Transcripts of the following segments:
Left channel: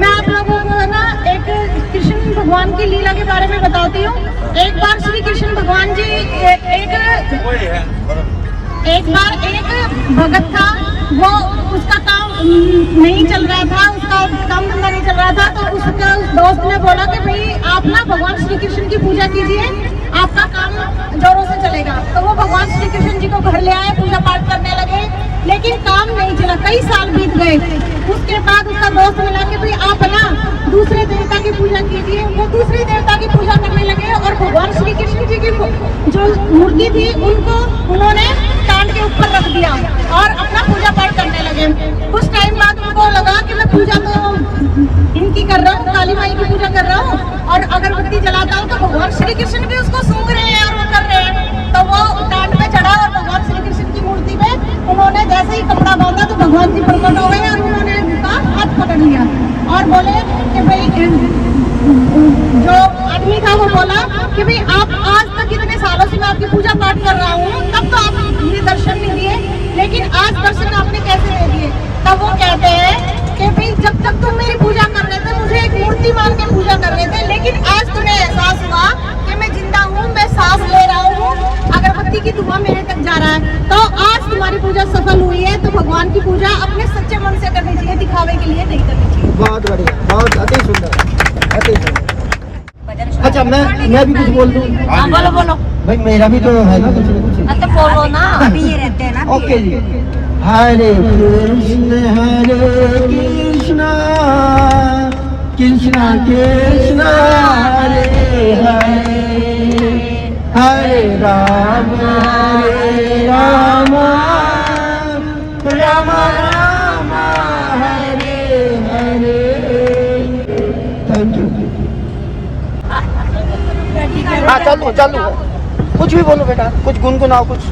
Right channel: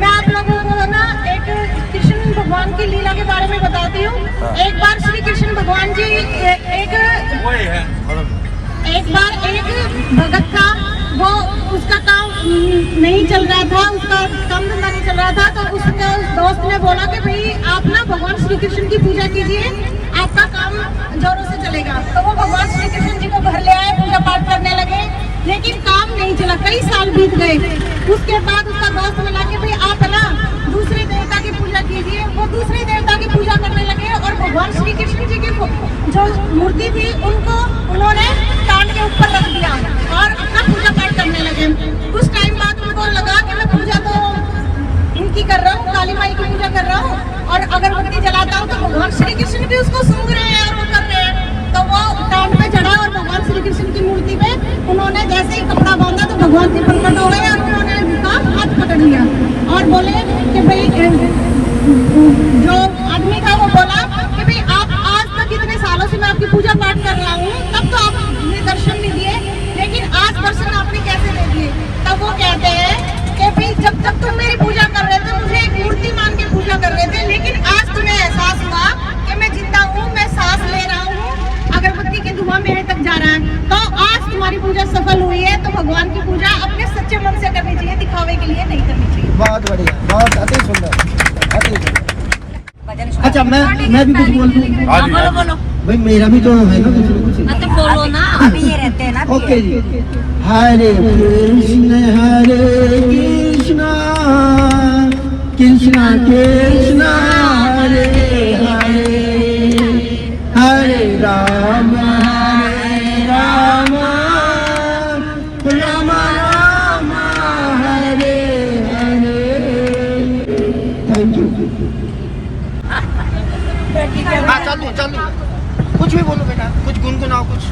मैं आप लोगों को ना एक कृष्ण भगवान की लीला के बारे में बताती हूँ। एक बार श्री कृष्ण भगवान जी एक बार एक भगत था, वो उसका काम नहीं चल रहा था, उसका काम धंधा नहीं चल रहा था। तो उसका दोस्त ने बोला कि भाई आप ना भगवान श्री कृष्ण की पूजा कीजिए, आपका काम जोरों से चलेगा। तो वो भगवान श्री कृष्ण जी को घर ले आए, पूजा पाठ करने लगे, लेकिन काम नहीं चला। कई साल बीत गए। उसके बाद उसका दोस्त मिला के भाई आप ना दूसरे देवता की पूजा कीजिए। वो दूसरी देवता की पूजा करने लगे और भगवान श्री कृष्ण जी की जो मूर्ति थी उनको उन्होंने स्टैंड के ऊपर रख दिया और अपना पूजा पाठ करने लगे। कुछ टाइम बाद उनको लगा कि मैं पूजा तो इनकी कर रहा हूँ, काली माई की पूजा कर रहा हूँ और अगरबत्ती जलाता हूँ तो भगवान श्री कृष्ण भी उसको सूंघ रहे हैं और वो कर रहे हैं। तो वो स्टैंड पे चढ़ा और भगवान श्री कृष्ण की मूर्ति में उन्होंने जैसे ही कपड़ा बांधा तो भगवान जी प्रकट हो गए और उन्होंने उनका हाथ पकड़ लिया और बोले कि भाई जो आदमी था वो बोला कि भाई आप आज तक इतने सालों से मैं आपकी पूजा पाठ कर रहा हूँ, तब तो आप मुझे दर्शन नहीं दिए, लेकिन आज दर्शन आपने कैसे दे दिए? तब वो कहते हैं कि भाई जब तक तुम मेरी पूजा कर रहे थे मुझे एक मूर्ति मान के पूजा कर रहे थे, लेकिन आज तुम्हें एहसास हुआ कि मैं जिंदा हूँ, मैं सांस ले रहा हूँ, अगरबत्ती की धुआं मेरे तक जा रहा है। तो आज तुम्हारी पूजा सफल हुई है। तो भगवान की पूजा अपने सच्चे मन से करनी चाहिए, दिखावे के लिए नहीं करनी चाहिए। बहुत बढ़िया, बहुत अति सुंदर, अति सुंदर। अच्छा मैं भी कुछ बोल दूं? बोलो बोलो भाई, मेरा भी तो है ना कुछ। तो बोलो ना, अभी ये रहते हैं ना। Okay ji. Hare Krishna Krishna Krishna Hare Hare, Hare Ram Ram Ram Ram Hare Hare. Thank you. हाँ चालू कुछ भी बोलो बेटा, कुछ गुनगुनाओ कुछ।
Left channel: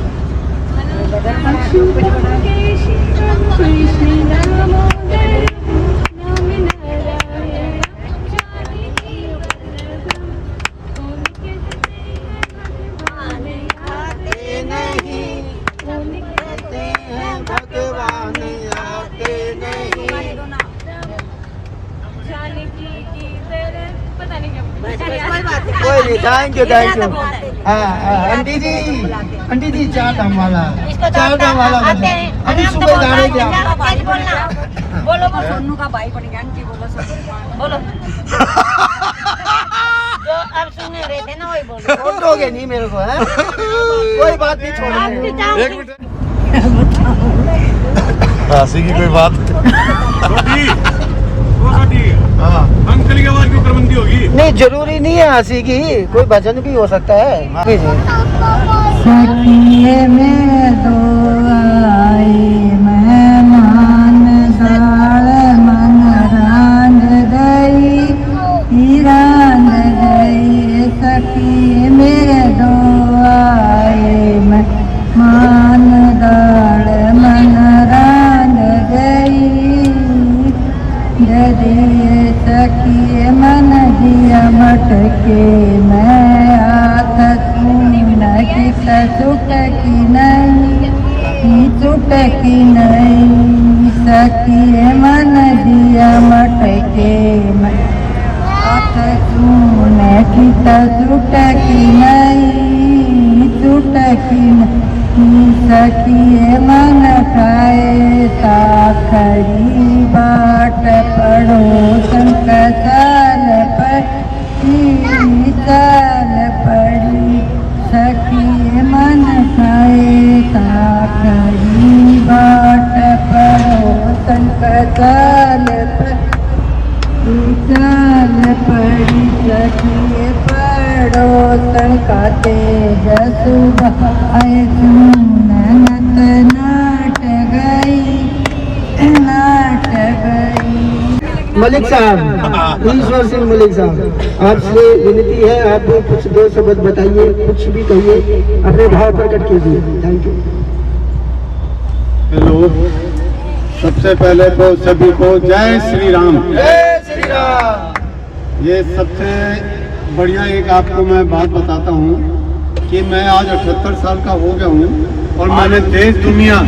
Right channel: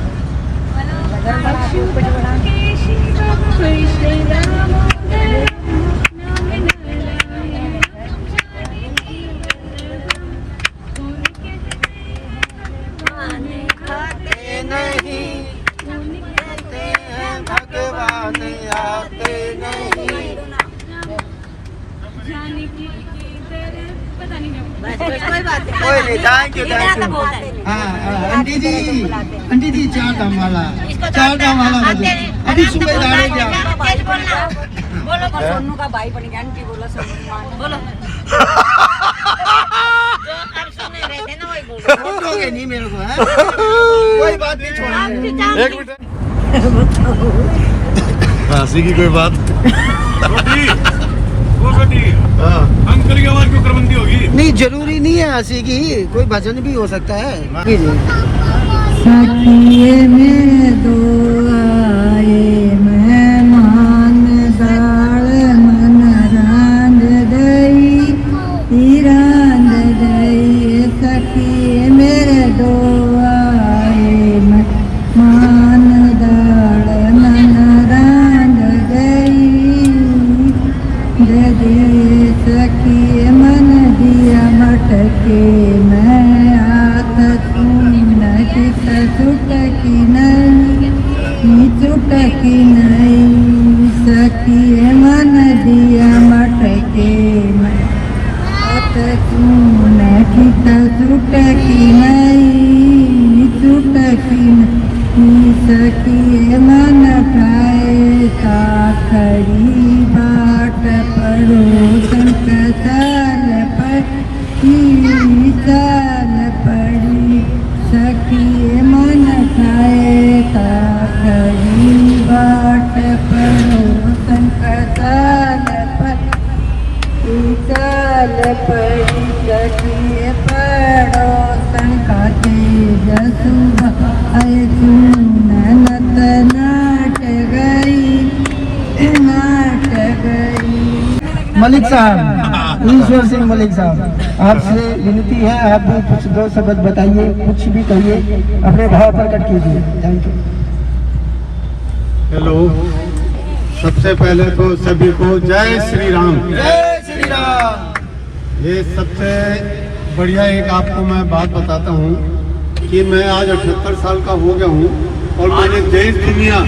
भगवान आते नहीं। कोई नहीं, thank you thank you. Aunty ji चार दाम वाला अभी सुबह जाने के आप बोलो बोलो सोनू का भाई बन गया। आंटी बोलो बोलो जो अब सुन रहे थे ना वही बोलो। छोड़ोगे नहीं मेरे को, है कोई बात नहीं, छोड़ोगे। एक मिनट, हंसी की कोई बात अंकल की आवाज क्यों करबंदी होगी? नहीं, जरूरी नहीं है हंसी की, कोई भजन भी हो सकता है। सखिए में दो आए मेहमान दाल मन रांध दई रांध दई। सखिए में दो आए मेहमान दाल मन रांध दई दे। सखिए मन दिया मटके मैं आख सुट की नहीं सुट की नहीं। सखिए मन दिया मटके मैं आख सुट की नहीं सुट की नहीं। सखिए मन खाए साखरी बाट पड़ोसन कसाल पड़ी। सखी मन खाए साखरी बाट पड़ोसन कसाल पड़ी। सखी पड़ोसन का तेज सुबह सुनत नाट गई। मलिक साहब, ईश्वर सिंह मलिक साहब, आपसे विनती है, आप भी कुछ दो शब्द बताइए, कुछ भी कहिए, अपने भाव प्रकट कीजिए। Thank you. हेलो, सबसे पहले तो सभी को जय श्री राम। जय श्री राम। ये सबसे बढ़िया एक आपको मैं बात बताता हूँ कि मैं आज 78 साल का हो गया हूँ और मैंने देश दुनिया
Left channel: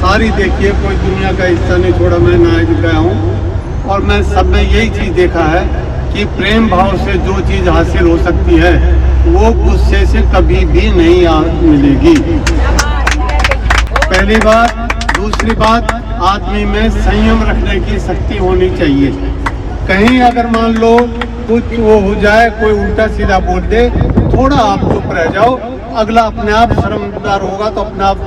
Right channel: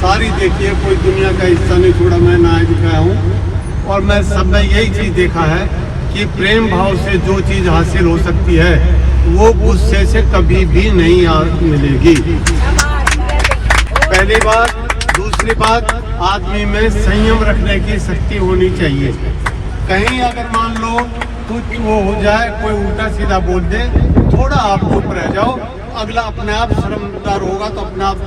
सारी देखी है, कोई दुनिया का हिस्सा नहीं छोड़ा। मैं नायक गया हूँ और में सब में यही चीज देखा है कि प्रेम भाव से जो चीज हासिल हो सकती है वो गुस्से से कभी भी नहीं मिलेगी। पहली बात। दूसरी बात, आदमी में संयम रखने की शक्ति होनी चाहिए। कहीं अगर मान लो कुछ वो हो जाए, कोई उल्टा सीधा बोल दे, थोड़ा आप चुप रह जाओ, अगला अपने आप शर्मदार होगा तो अपने आप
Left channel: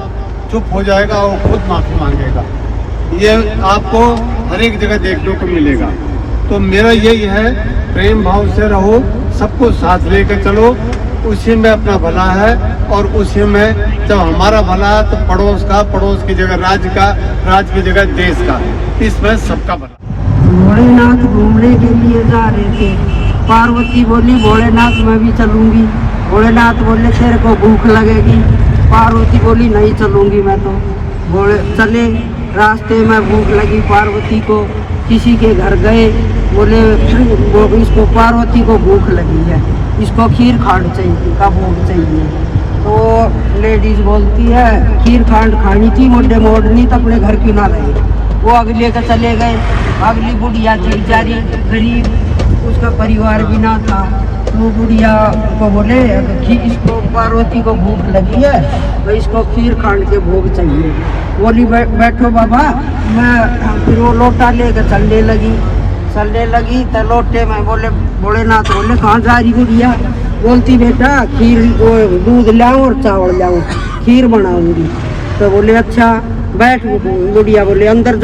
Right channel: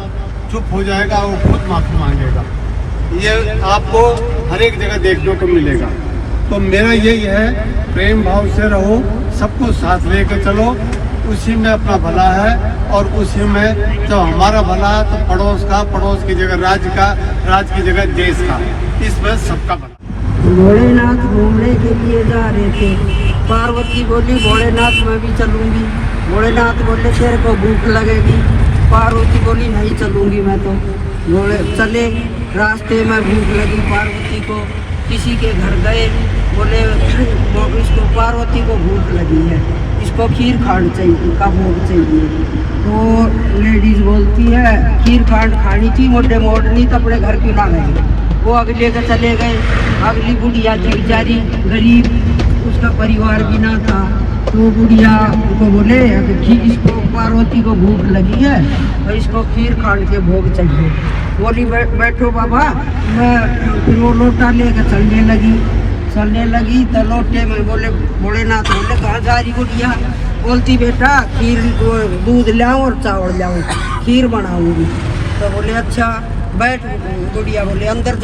चुप हो जाएगा, वो खुद माफी मांगेगा। ये आपको हर एक जगह देखने को मिलेगा। तो मेरा यही है, प्रेम भाव से रहो, सबको साथ लेकर चलो, उसी में अपना भला है। और उसी में जब हमारा भला है तो पड़ोस की जगह राज्य का, राज्य की जगह देश का, इसमें सबका भला। भोलेनाथ घूमने के लिए जा रहे थे। पार्वती बोली भोलेनाथ मैं भी चलूंगी। भोलेनाथ बोले तेरे को भूख लगेगी। पार्वती बोली नहीं चलूंगी मैं तो। भोले चले, रास्ते में भूख लगी पार्वती को, किसी के घर गए, बोले वो इसको पार्वती को भूख लगी है, इसको खीर खांड चाहिए का भोग चाहिए। तो लेडीज बोलती है खीर खांड खानी थी, मोटे मोड़नी तो अपने घर की ना रहे। वो अगले का चले गए। अगली बुढ़िया थी बेचारी गरीब, उसका परिवार भी ना था। तो बुढ़िया को बोले इसको पार्वती को भूख लगी है, तो इसको खीर खांड के भोग चाहिए। बोली बैठो बाबा, मैं फिर वो लोटा लेकर चलने लगी तो लोटे में बोले भोलेनाथ बोले कहाँ जा रही बुढ़िया? बोलती बेटा खीर दूध लाऊं और चावल लाऊं, खीर बनाऊंगी। तो बोले अच्छा बैठ। बुढ़िया बोले अंदर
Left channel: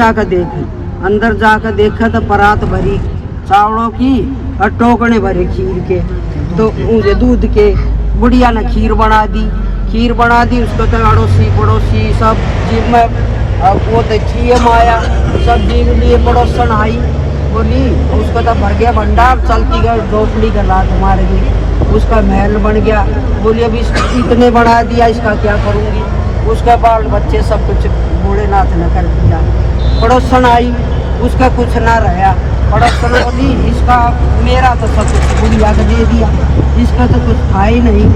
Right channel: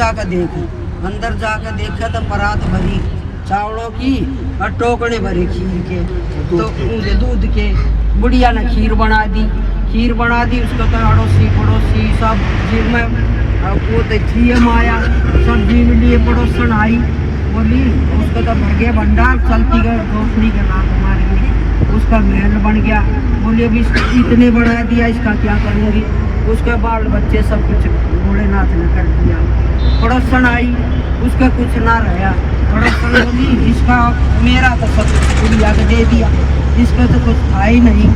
जाकर देखा तो परात भरी चावलों की और टोकने भरे खीर के, तो मुझे दूध के। बुढ़िया ने खीर बना दी। उसको तो अड़ोसी पड़ोसी सब में वो तो थी माया, सब जीव लिए पड़ोसन आई। बोली उसको तो भर गया भंडार, चलती गई झोपड़ी का लात मार गई, उसका महल बन गया। बोली अभी इतने बढ़ा दिया, इसका क्या करूँगी? उसका बाल बच्चे सब कुछ भोलेनाथ ने कर दिया। पड़ोसन आई, उसका कुछ ना रहा। पड़ोसन बोली इसका मेरा तो सब बुढ़िया को दे दिया, इसका तो कुछ था ही नहीं।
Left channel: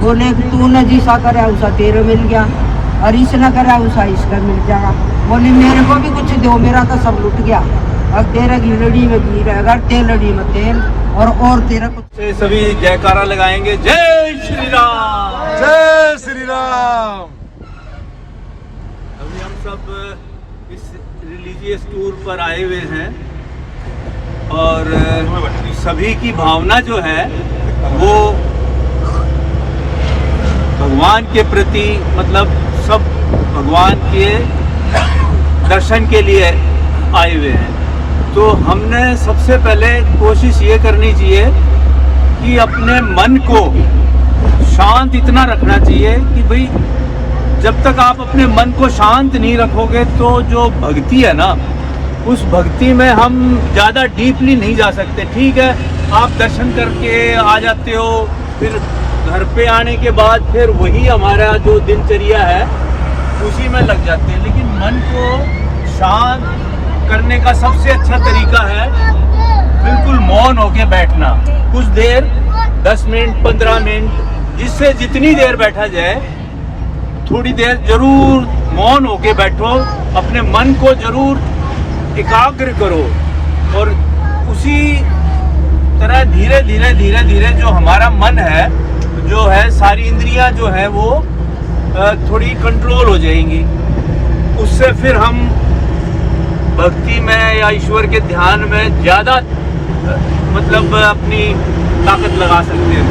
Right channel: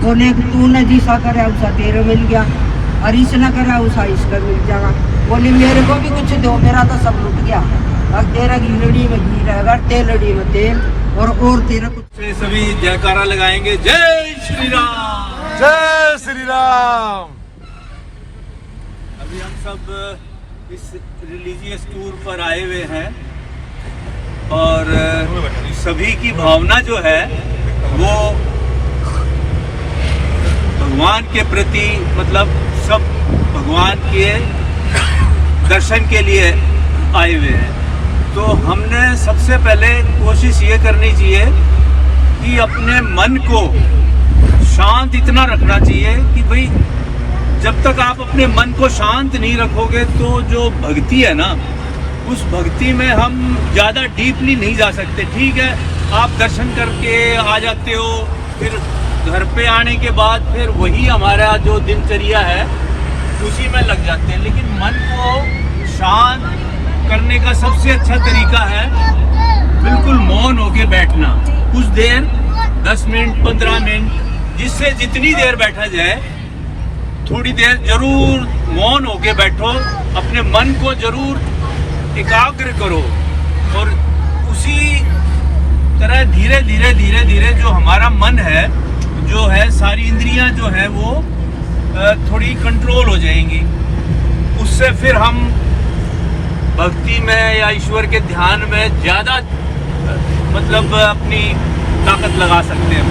बोले तू न जिसा करे उसा तेरे मिल गया, और इस न करे उसा इसका मिल जाएगा। बोली मेरे को भी कुछ दो, मेरा तो सब लुट गया। और तेरा घीरड़ी में घी रहेगा, तेलड़ी में तेल, और तेरा कुछ। सभी जयकारा लगाएंगे, जय श्री राम, जय श्री राम। अभी हम सब इस रिलीजियस टूर पर आए हुए हैं और सभी की भावना जो है वो भगवान के प्रति, मतलब सब भगवान के दर्शन के लिए आए हुए हैं। तो हमने सबसे पहले कोशिश ये करनी चाहिए कि अपने मन को शांत इतना रखना चाहिए कि भाई जब तक आप अपने मन को शांत नहीं रखोगे तो जो भक्ति है ना, उस भक्ति में हम ज़्यादा डीपली नहीं जा सकते। ठीक है, आप दर्शन करके आ जाते हो, फिर घर पे आने के बाद फिर वही हमारा जो दिनचर्या है उसी में लग जाते हैं। लेकिन मन को शांत करने का सबसे अच्छा तरीका है बिल्कुल मौन होके बैठना। कुछ देर 10 मिनट 15 मिनट, जिससे जितनी देर बैठा जाए, थोड़ी देर जरूर मौन होके बैठो, अपने मन को जरूर एकाग्र करो। और उसी तरह धीरे धीरे जो हमारा मन है, जो है सारी इंद्रियां जो है वो थोड़ी कंट्रोल हो जाएंगी। उससे फिर हम भक्ति में या ईश्वर के ध्यान में ज़्यादा मतलब अपनी ताकत लगा सकते हैं।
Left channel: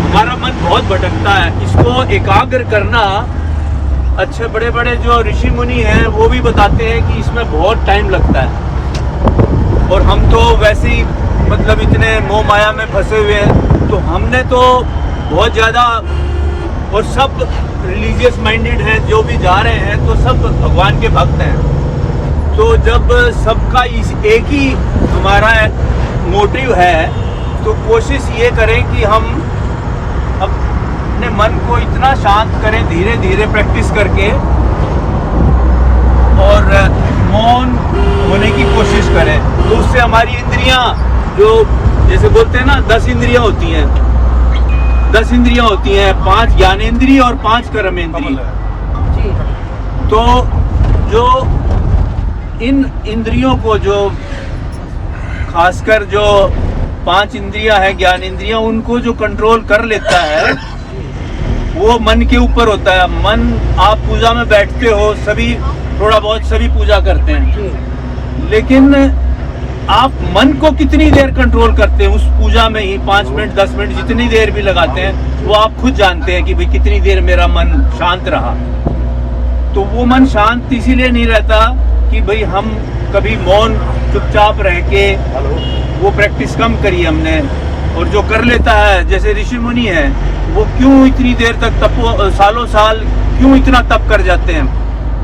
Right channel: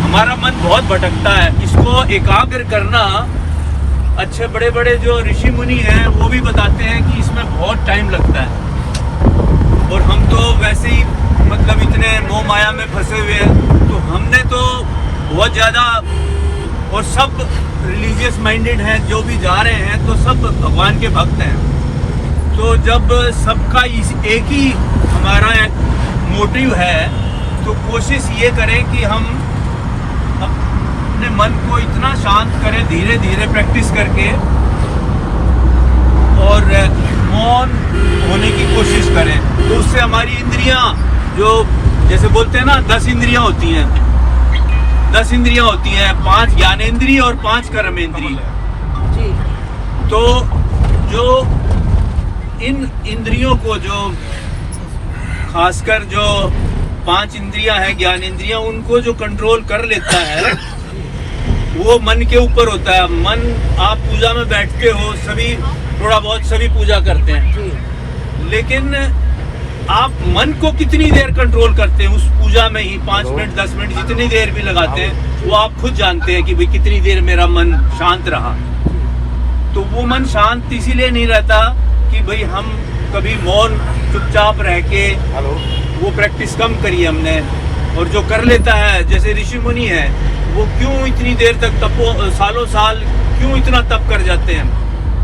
हमारा मन बहुत भटकता है, इसको एकाग्र करना अच्छे बड़े बड़े जो ऋषि मुनि हैं वो भी बताते हैं कि इसमें बहुत टाइम लगता है। और हम तो वैसे ही मतलब इतने मोह माया में फंसे हुए हैं, तो हमने तो बहुत ज़्यादा, और सब रिलीजियस माइंडेड हैं जो भी जा रहे हैं तो सब भगवान के भक्त हैं। तो जब सबका एक ही हमारा मोटिव है तो कोशिश ये करें कि हम अपने मन को इतना शांत करें धीरे धीरे प्रैक्टिस करके, और मौन होने की कोशिश करें। तो उससे हमारी इंद्रियां, जो जैसे बोलते हैं ना 10 इंद्रियां होती हैं, 10 इंद्रियां होती हैं, 5 ज्ञानेंद्रिय और 5 कर्मेंद्रिय। तो जो इन इंद्रियों को, जो खासकर जो 5 इंद्रियां हैं, ज्ञान इंद्रियां, उनको जो कंट्रोल कर लेता है वो मन के ऊपर होता है। मन, आप पूजा में बैठते हो, सभी थोड़ा बहुत सभी पूजा करते हैं, लेकिन आप मन को कितनी देर कंट्रोल करते हैं उस पूजा में ही? 5 मिनट 10 मिनट जितनी देर भी लगाते हैं वो आप खुद जानते हैं कि भाई कितनी देर मेरा मन शांत रहा। तो वो मन शांत इसीलिए नहीं रहता कि भाई हम कभी मौन चुपचाप रह के, वो प्रैक्टिस कम करी हमने। और जो कर लेता है, जैसे ऋषि मुनि है, वो क्यों इतनी देर तक सालों साल क्यों इतना तप कर जाते हैं?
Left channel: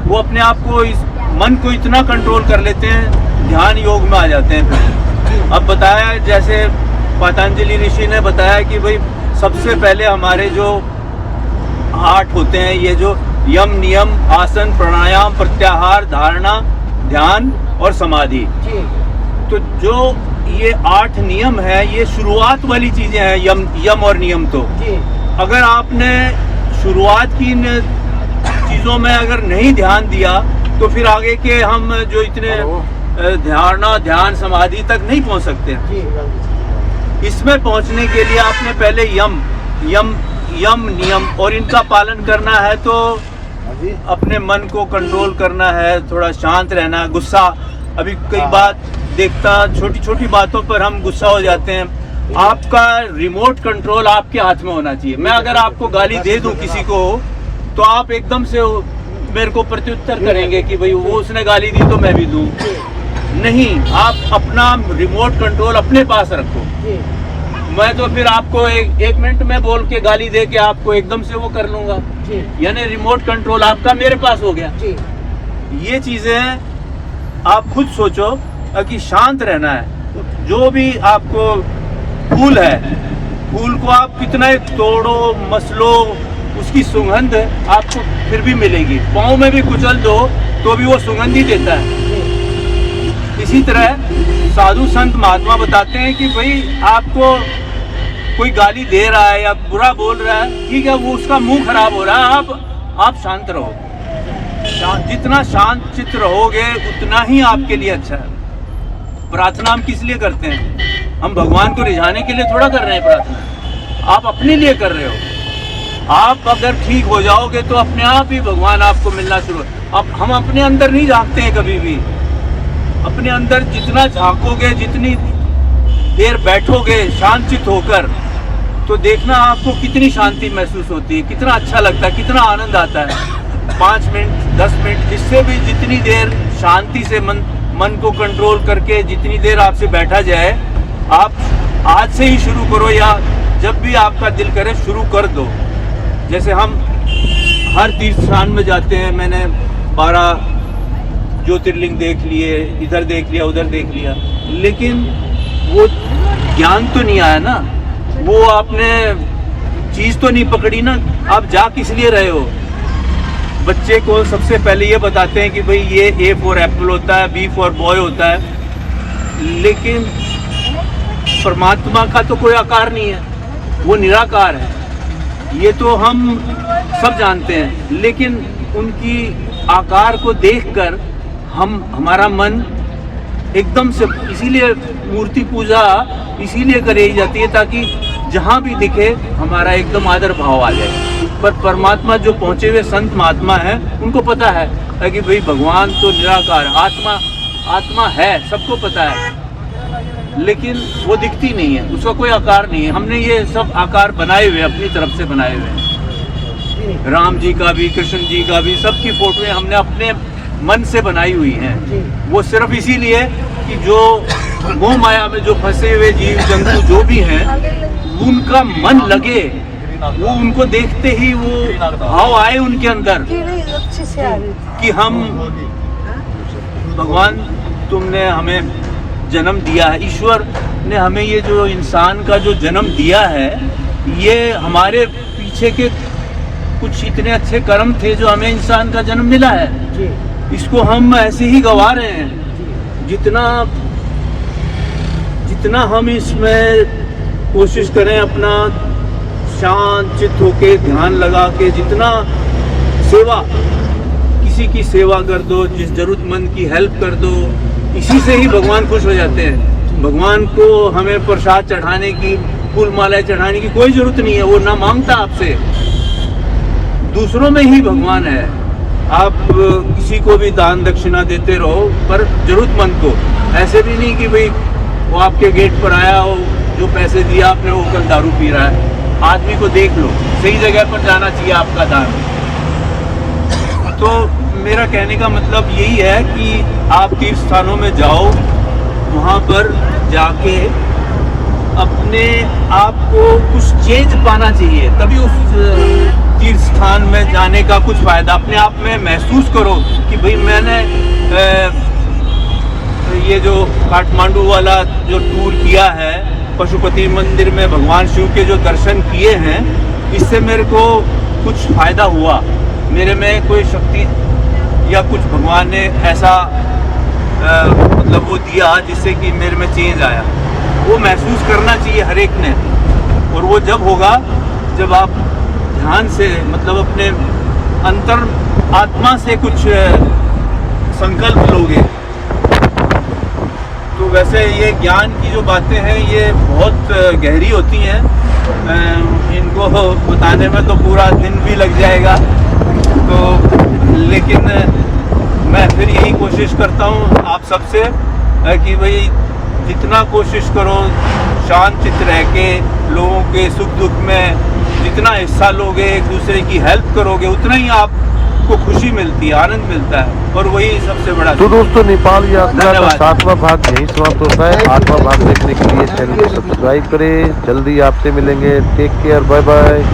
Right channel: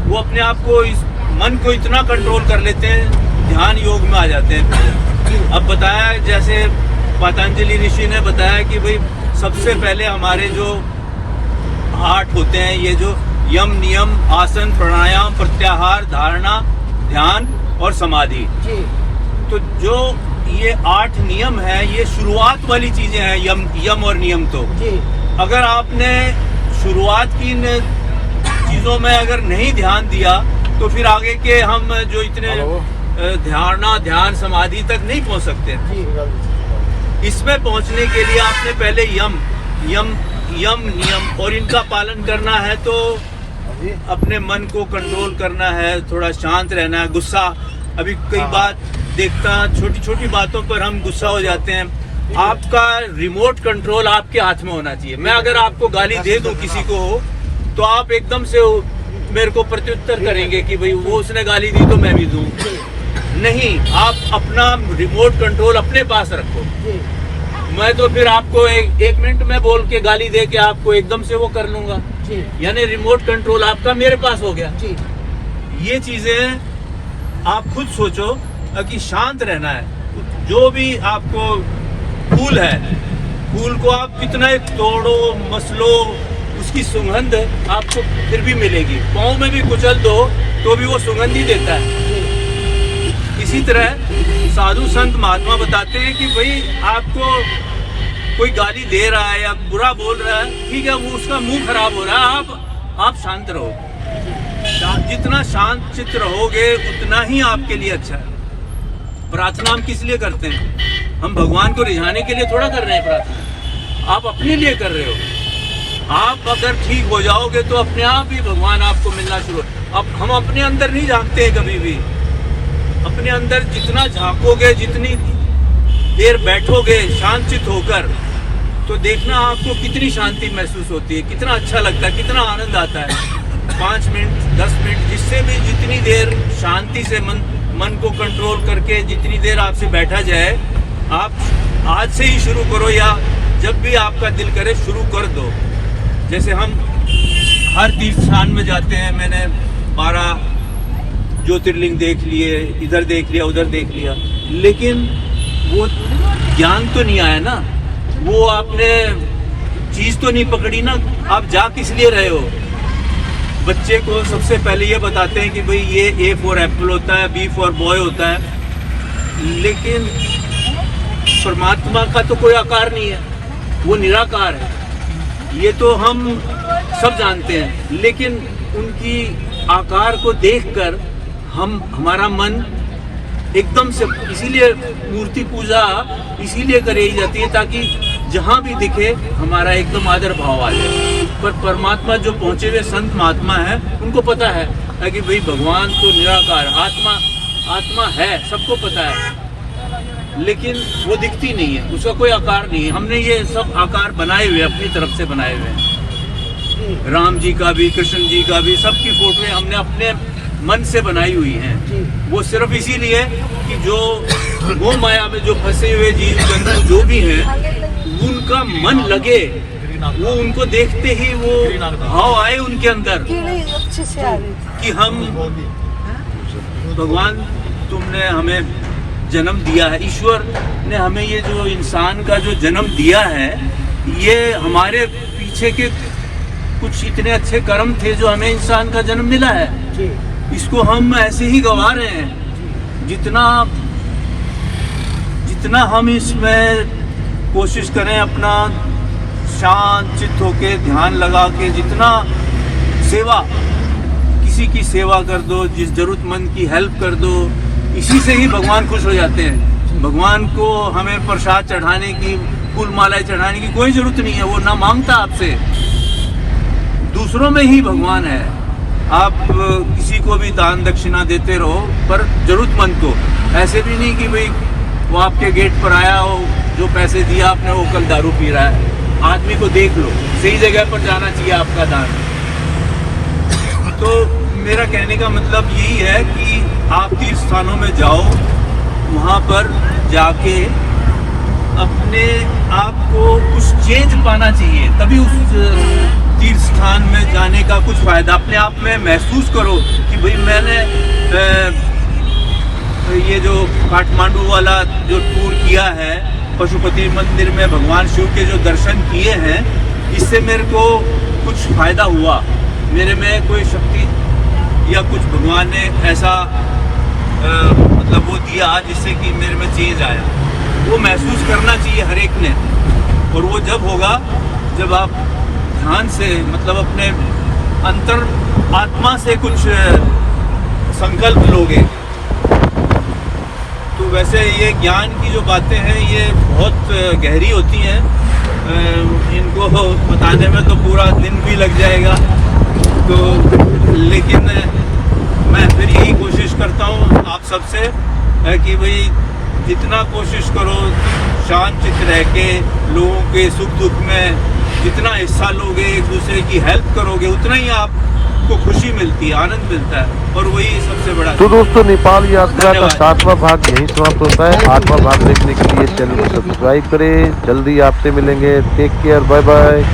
वो अपने आप को, इस मन को इतना कंट्रोल कर लेते हैं, ध्यान योग में आ जाते हैं। फिर अब बताया, जैसे पतंजलि ऋषि ने बताया कि भाई सबसे पहले हमारे जो 8 होते हैं, ये जो यम, नियम, आसन, प्राणायाम, प्रत्याहार, धारणा, ध्यान और समाधि। तो जो ये 8 नियम है, ये शुरुआत वाली चीजें हैं। यम और नियम तो अगर आपने शुरुआत की इन चीजों में अगर नहीं ध्यान दिया तो फिर आगे के हम जो इतने धारणा, ध्यान, समाधि तक नहीं पहुंच सकते हैं। इसमें पहुंचने के लिए आपने पहले यम नियम और इनका पालन करना है। तो अपने मन को कंट्रोल करना है, थोड़ा शांत रहना है। गुस्सा, अभी कई बात देखता, छोटी छोटी बातों पर हम गुस्सा हो जाते हैं। आपका रिमोट कंट्रोल आपके हाथ में होना चाहिए। मैं अगर आपको गाली दे दूं किसी को, तो आप एकदम से मेरे को प्रत्युत्तर करेंगे कि भाई वो उसने गाली दी तो मैं भी दूं। नहीं, आप अपना रिमोट कंट्रोल अपने पास रखो। मैं तो फिर आपको एक मिनट में बोल के गाली दे के आपको एकदम से वो कर लूंगा, यानी रिमोट कंट्रोल आपका मेरे पास हो गया। ये चीजें आप खुद सोचो कि शांत रहना है। जो भी आपको फूल है, फूल को आप कितना तोड़ो मसलो, उसकी सुगंध आपको फिर भी मिलेगी। पाँव में भी कुचल दो तो भी वो सुगंध ही देता है। इसी तरह साधु संत महात्मा बताते हैं कि भाई आपको कोई गाली दे रहा है या बुरा बोल रहा है, ठीक है, वो उसका मुंह खराब हो रहा है, आप शांत रहो। जितना शांत चित्त रहोगे उतना ही आपके लिए अच्छा है। प्रार्थना हम किस लिए करते हैं? हम भगवान को रिझाने के लिए थोड़ा कर रहे हैं प्रार्थना, आप अपने लिए कर रहे हो। आप अगर ठीक हो जाओगे तो अपने आप ही भगवान आपको मिलना शुरू। अब हम अपने अंदर नहीं झांकते हैं कभी भी। अपने अंदर जितना झांकोगे, जितनी देर बैठोगे शांतचित होकर, तो देखना आपको कितनी शांति महसूस होती है, कितना अच्छा लगता है, कितना आनंद आता है। 5 मिनट 10 मिनट, जिससे भी जितनी देर शांति से मन को कंट्रोल करके जितनी देर आपसे बैठा जाए, आप आज से ही शुरू करो या जब भी आपका दिल करे शुरू कर दो। जैसे हम हर तीर्थ स्थान में जाते हैं, मैंने 12 ज्योतिर्लिंग देख लिए, इधर देख लिया, उधर देख लिया, लेकिन वो ज्ञान तो नहीं आया ना, वो आपने चीज तो नहीं पकड़ी ना। आप जा किस लिए रहे हो? बच्चे को सबसे पहले ये बताते हैं कि भाई ये A फॉर एप्पल होता है, B फॉर बॉय होता है, लेकिन परमात्मा का तो कोई आकार नहीं है, वो निराकार है। ये तो हम सब जानते हैं, लेकिन उनकी आकार को देखकर हमारा मन एकदम से, इसीलिए मूर्ति पूजा इसीलिए करी जाती है ताकि जहाँ भी दिखे हमारा एकदम आदर भाव आ जाए। पर परमात्मा जो पहुँचे हुए संत महात्मा है, उनको पता है कि भाई भगवान तो निराकार, आत्मा है, सबको पता है, लेकिन वो दिखती नहीं है, उसका कोई आकार नहीं है। हमने ये सब आकार बनाए हुए, अपनी तरफ से बनाए हुए हैं। राम जी का भी, कृष्ण जी का भी, सबकी फोटोएं हमने अपने मन से बनाई हुई हैं। वो सिर्फ इसीलिए कि जो मोह माया में जो फंसे हुए जीव जंतु जो भी हैं, उनका मन लगे, वो उनको देखते ही वो भाव आए उनके अंदर कि हम, भगवान तुमने हमें जन्म दिया है, ईश्वर ने हमें ये जो इंसान का जो जन्म दिया है, ये हमारे पीछे के कुछ इतने अच्छे कर्म थे जो हमें इंसान का जन्म मिला है, इसको हम ऐसे ही गवा रहे हैं। जितना हम इसमें कोशिश करें अपना शांत चित्त होके ध्यान लगा के, जितना सेवा, किसी की सेवा कर दो, जिस जरूरतमंद की हेल्प कर दो, इसी से ही भगवान खुश हो जाते हैं। भगवान को हमें प्रसाद चढ़ाने की, फूल मालाएं चढ़ाने की कोई जरूरत नहीं है। वो ना मांगता आपसे, दूसरों में ही भगवान है। आप किसी को भी दान दक्षिणा देते रहो, पर जरूरतमंद को। ऐसे भी नहीं कि भाई वो आपके गेट पर आया हो, जो पैसे दिया आपने वो कल दारू पी रहा है। आदमी को देख लो, सही जगह पर जाना चाहिए आपका दान। तो मेरा कहने का मतलब यही है कि आप तीर्थ स्थानों में जाओ, वहाँ पर जाके अपने आप को कुछ चेंज पाना चाहिए, तभी उस तीर्थ स्थान में जाने का कुछ फायदा। अपने आप में महसूस करो कि भाई मैंने ये जो काठमांडू वाला जो टूर किया है, पशुपति मंदिर में भगवान शिव के जो दर्शन किए हैं, इससे मेरे को कुछ फायदा हुआ। मेरे में कोई शक्ति या कुछ भगवान ने ऐसा मतलब वो दिया जिससे कि मेरे में चेंज आया। वो महसूस करना चाहिए हर एक ने। और वो जब होगा जब आप ध्यान से, मतलब अपने अंतर आत्मा से कुछ संकल्प लोगे। तो वैसे ये ज्ञान की जो बातें हैं ये बहुत गहरी होती हैं, इनको बताने में तो पूरा दिन भी लग जाएगा। तो लेकिन मैं फिर यही कोशिश करता हूँ आप सबसे कि भाई जितना कोशिश करो शांत चित्त रह के लोगों के सुख दुख में जितना हिस्सा लोगे, एक दूसरे की हेल्प करोगे, उतना ही आपको खुशी मिलती है, आनंद मिलता है। और वही सबसे बड़ा। तो दोस्तों, नेपाल यात्रा का 7वां भाग यहीं समाप्त होता है। 8वां भाग देखने के लिए चैनल को सब्सक्राइब करें। जल्दी आपसे मिलेंगे। Take care, bye bye.